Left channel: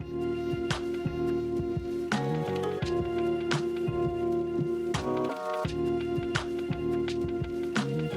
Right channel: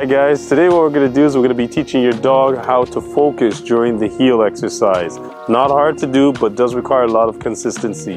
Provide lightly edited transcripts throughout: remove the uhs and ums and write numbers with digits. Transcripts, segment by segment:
Hi guys, today what we're going to do is we're going to be teaching your dog how to focus during the heel exercise. Not hard to do, but does require a lot of consistency.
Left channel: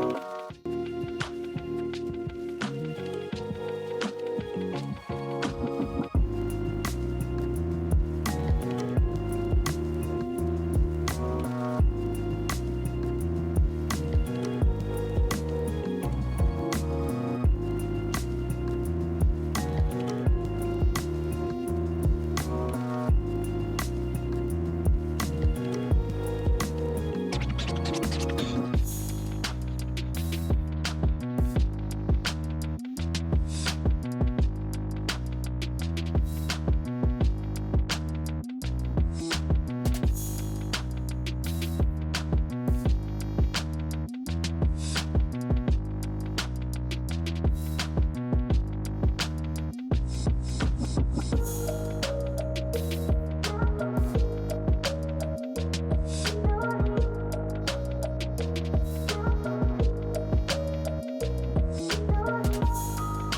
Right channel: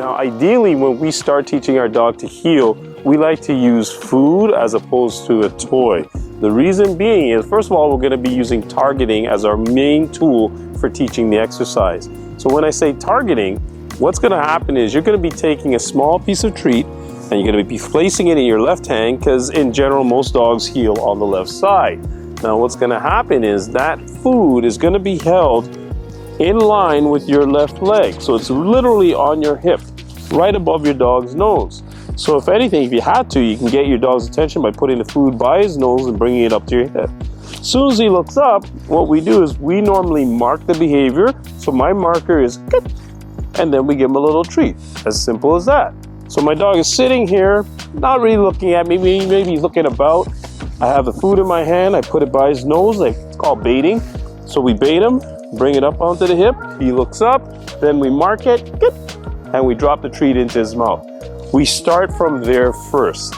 Now ideally when we start teaching our dog to heel, we like to use food as opposed to a toy. The reason being is, first of all, we're going to be using targeting as our main tool for teaching the exercise. So when I say targeting, what's going to happen is you're going to be taking a small piece of treat and you're going to be placing it in your left hand, because in general most dogs heel on the left side. Now what's going to happen is that food is going to be held in line with your left leg. So it's literally on your hip, right above your dog's nose. So if anything, if you had to, you can get your dog's attention by putting the food by his nose and bringing it up to your hip. As soon as he looks up, what we do is we normally mark the behavior. So my marker is good, and then we give him a little treat. As simple as that. So my dog is sitting here, not really looking at me, maybe he's looking about. I have the food in my hand, I put it by his nose, it's called baiting. So we bait him, bring it up onto the hip, he looks up, then we mark it, and we drop the treat into his mouth. We start from there first.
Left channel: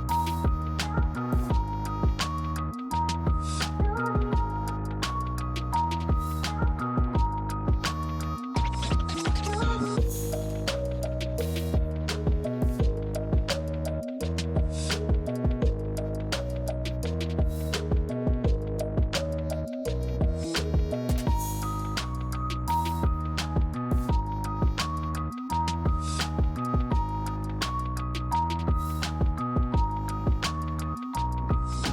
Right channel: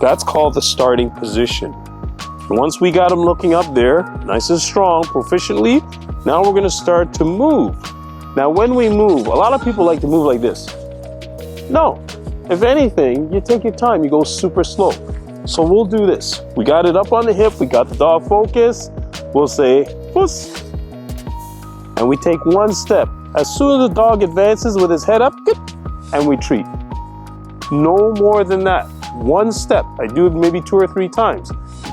That's called the starting position. Once we got him looking up there, nice and strong, proficiently, now we're gonna start to move. Now when we move, a lot of people like to move like this. No, if anything, you take your time, you go super slow. So we'll do this. We got it up on the hip, we got the dog focused. We'll say, puss. And we take one step. As soon as the dog advances with his head up, and we treat. No more than that. One step. I do it maybe 2 or 3 times.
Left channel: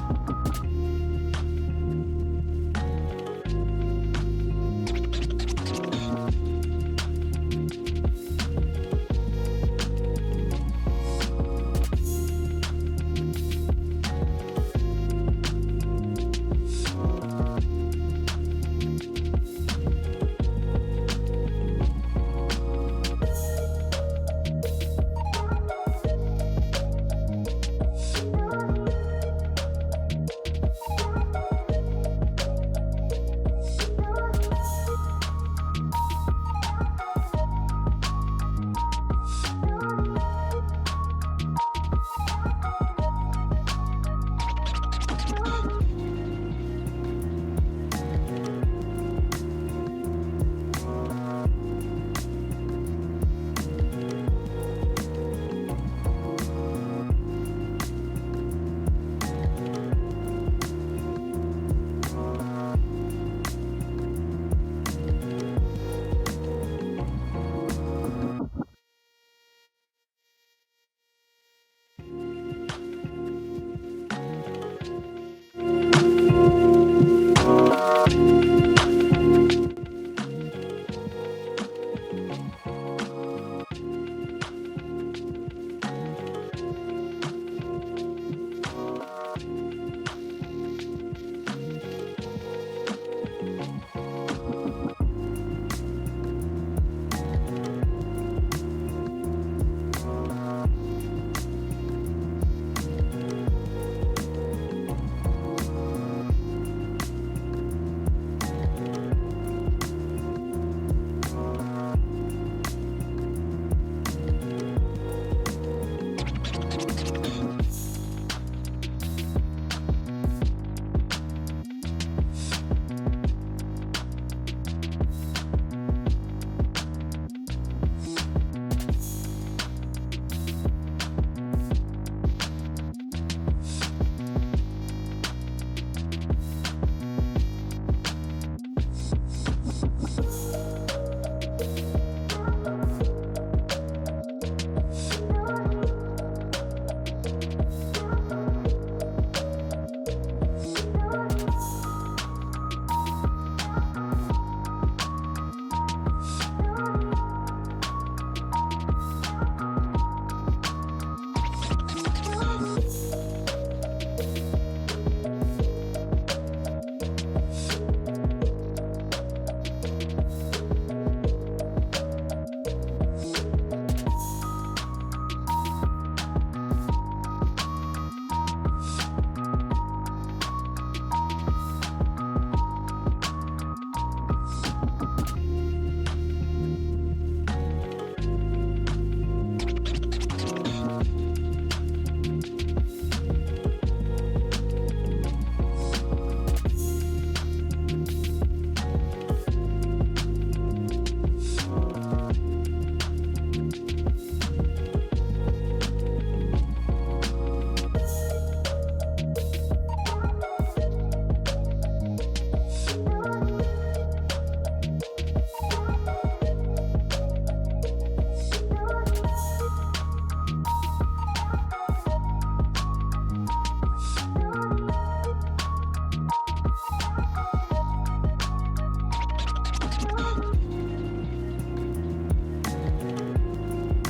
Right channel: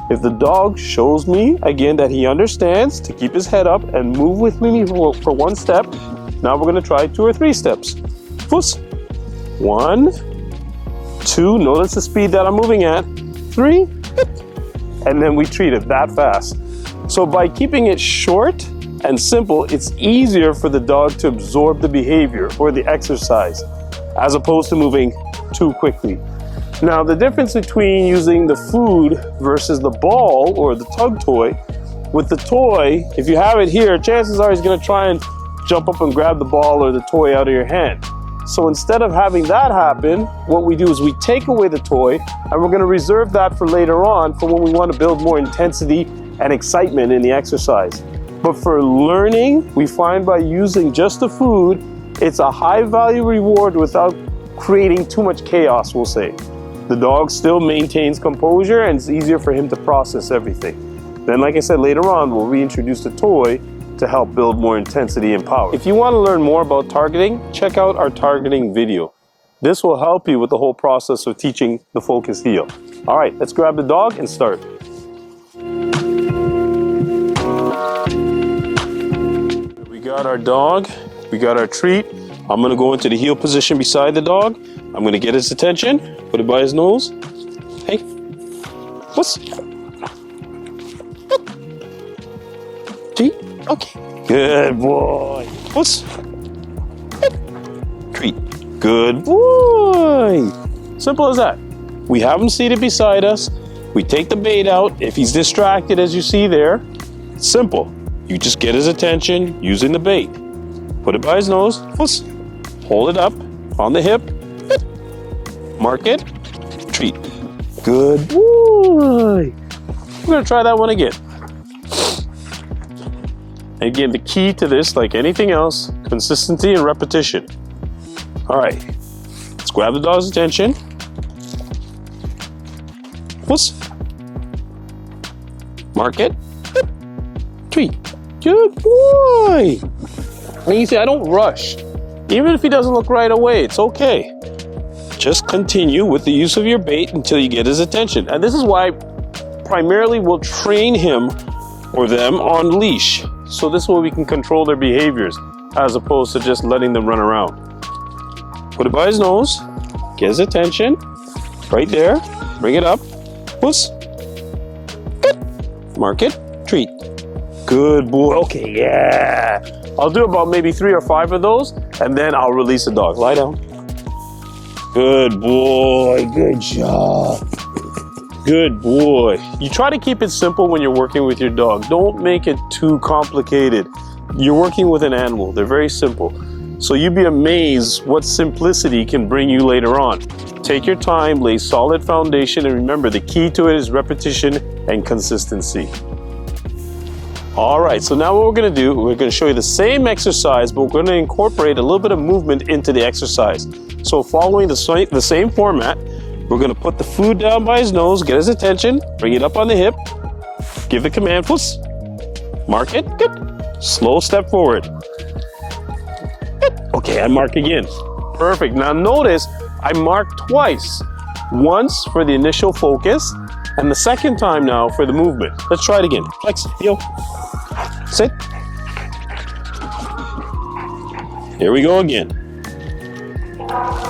If the dog shows me, again, that he understands to keep his head up and move with me for one step, now we're gonna try 2 or 3 steps. Puss. 1, 2, notice the speed that I'm moving at. 3, and then we treat it that fast. So by keeping it short and simple, it's easier for the dog to absorb the behavior or the exercise, as opposed to moving too quickly. Now the difference between using the food versus the ball or the tug toy, with the toy, if you have it here, chances are he's gonna try and jump up and grab the ball or the toy out of your hand. So instead of having that happen, what we do is we take away the toy and we're gonna reserve that for later on for when we wanna build more intensity and excitement in the exercise. But for learning, we find by using just the food, it's a high value reward without creating too much chaos, we'll say. The dog still maintains composure and it's easier for him to process everything. Then, like I said, later on, we'll reintroduce the toy to help build more intensity and power. If you want to learn more about targeting, check out our targeting video. This will help you with the whole process of teaching the focus heel. All right, let's grab the dog and start. We got our dog, we got our treat. I'm gonna go into the heel position beside the dog. I'm gonna get his attention, put it by his nose. Hey, puss. Treat, okay. Good boy. Puss. Treat, good boy. Simple as that. We have him seated beside us. We take the bait out. If he's distracted, as you see there, it's simple. You just get his attention using the bait. Put it by his nose, puss. Hold it up on the hip. Mark it, treat. Good boy. We're gonna try that one again. Again, the key to this, like anything else, consistency and repetition. All right, let's grab the dog's attention. Puss. Mark it, treat. Good boy. And you see, I don't rush. Even if he doesn't look right away, it's okay. Just continue with the use of your bait until you get his attention. And this is why primarily we'll train him or them on leash. So this way we can control their behaviors as opposed to just letting them run around. Put it by his nose, get his attention, right there, bring it up, puss, good. Mark it, treat. Good boy, okay, yeah. I'll do about maybe 3 or 5 of those and then I'll release the dog. Lie down. Good boy, good job. Good boy. You try to keep it simple when you're working with your dog. Don't make it too complicated. You're working with an animal. They're very simple. So you'd be amazed what simplicity can bring you later on. Take your time, lay solid foundation, and remember the key to it is repetition and consistency. All right, so now what we're gonna do, we're gonna show you the same exercise, but we're gonna incorporate a little bit of movement into the exercise. So following the same format, we're gonna put the food down by his nose, get his attention, bring it up on the hip, give the command, puss, mark it, good. Slow step forward. Good. Okay, I mark again. Perfect, now notice I mark twice. Once for the initial focus, and the second time now for the movement. Let's try it again. Flex, heel, sit. Here we go again.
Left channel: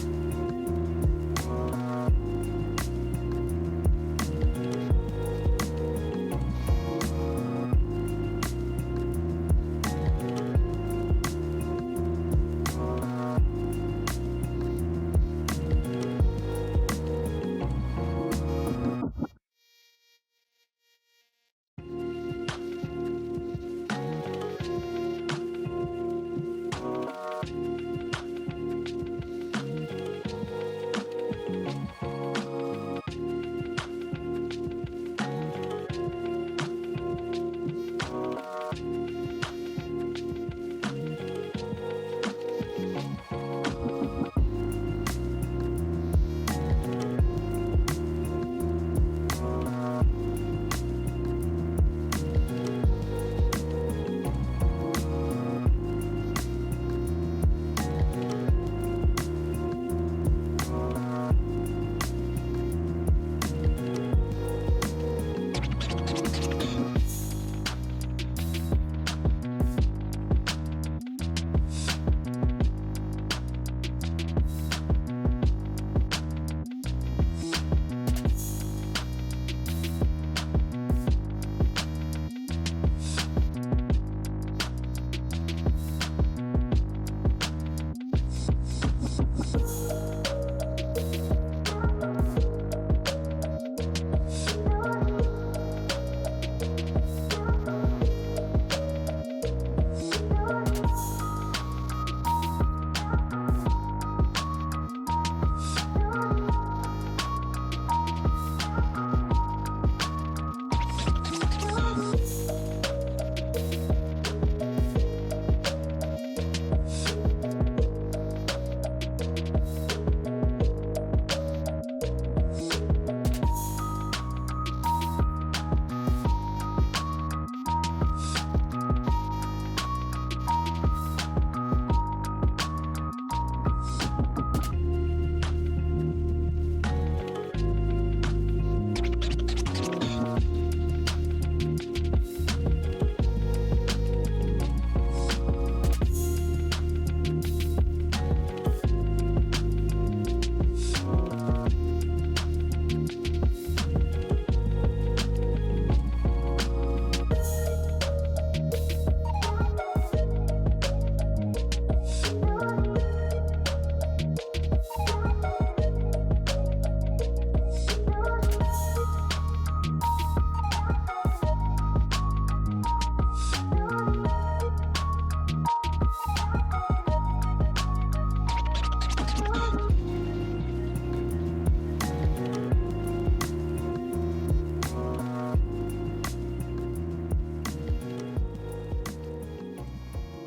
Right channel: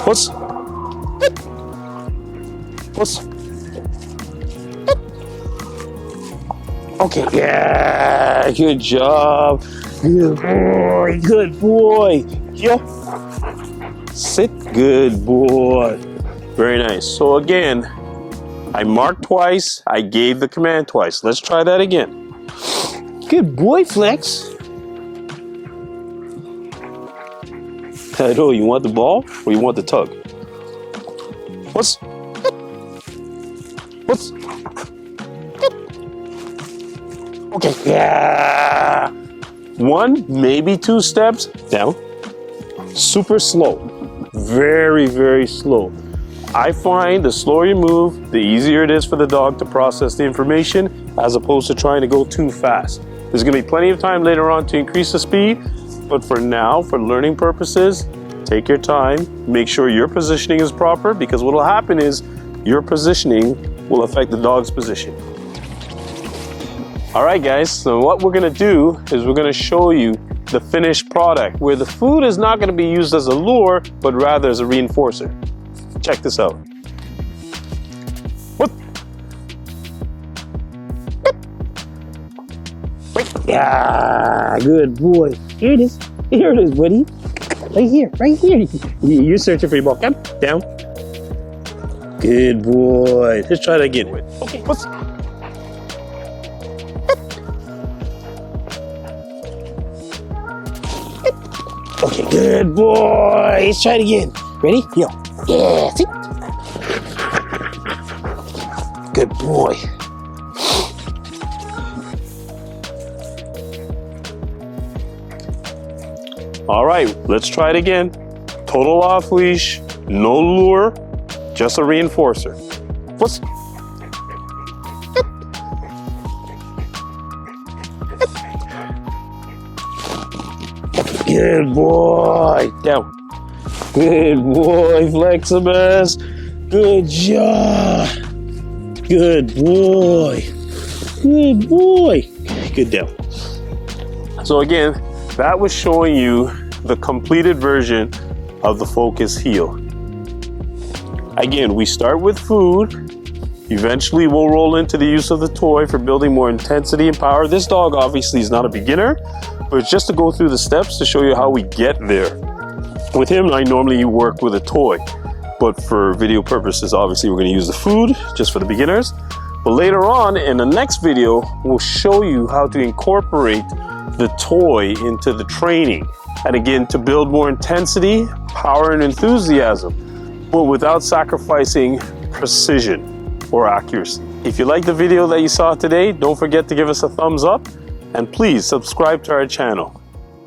Puss. Puss. Okay, yeah, good job. Good boy, good boy. Yeah. Sit, good boy. Very nice. So again, I marked twice, I gave the command twice. Let's try that again. Good boy, Flex. Hello, you want the ball or you want the tug? What's? What's? Okay, yeah. One, maybe two steps down. Super slow. Very, very slow. I find the slower you move, the easier it is for the dog to process the information as opposed to trying to go too fast. There's gonna be plenty of time later on to increase the speed, but for now, for learning purposes, take your time, make sure your positioning is proper, because what will happen is your positioning will affect the dog's position. All right, guys, so what we're gonna do is we're gonna show you the finished product where the food is not gonna be used as a lure, but rather as a reinforcer. Check this out. Whoop. Yeah, good boy. Here it is. Here it is, buddy. Right here, right here. You're searching for your ball. Come down. Good boy. Let's try that again. Okay, what's... Okay, good boy. Let's try it again. Ready? Yo. Yeah, sit. Good boy. All right, let's try it again. Total off leash, no lure, just a reinforcer. What's... Good boy. Down. Good boy, Fleximus. Good job. Good boy. Good boy. Good down. So again, that was showing you the completed version of the Focus Heel. Again, we start with food. Eventually, we'll roll into the use of the toy for building more intensity and power. This dog obviously is not a beginner, but it's just to go through the steps to show you how we get there. With him, I normally work with a toy, but for video purposes, obviously we're gonna use the food just for the beginners. But later on in the next video, we'll show you how to incorporate the toy into the training. And again, to build more intensity, power, and enthusiasm, but without sacrificing precision or accuracy. If you like the video that you saw today, don't forget to give us a thumbs up and please subscribe to our channel.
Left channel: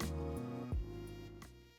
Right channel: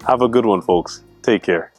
Have a good one, folks. Take care.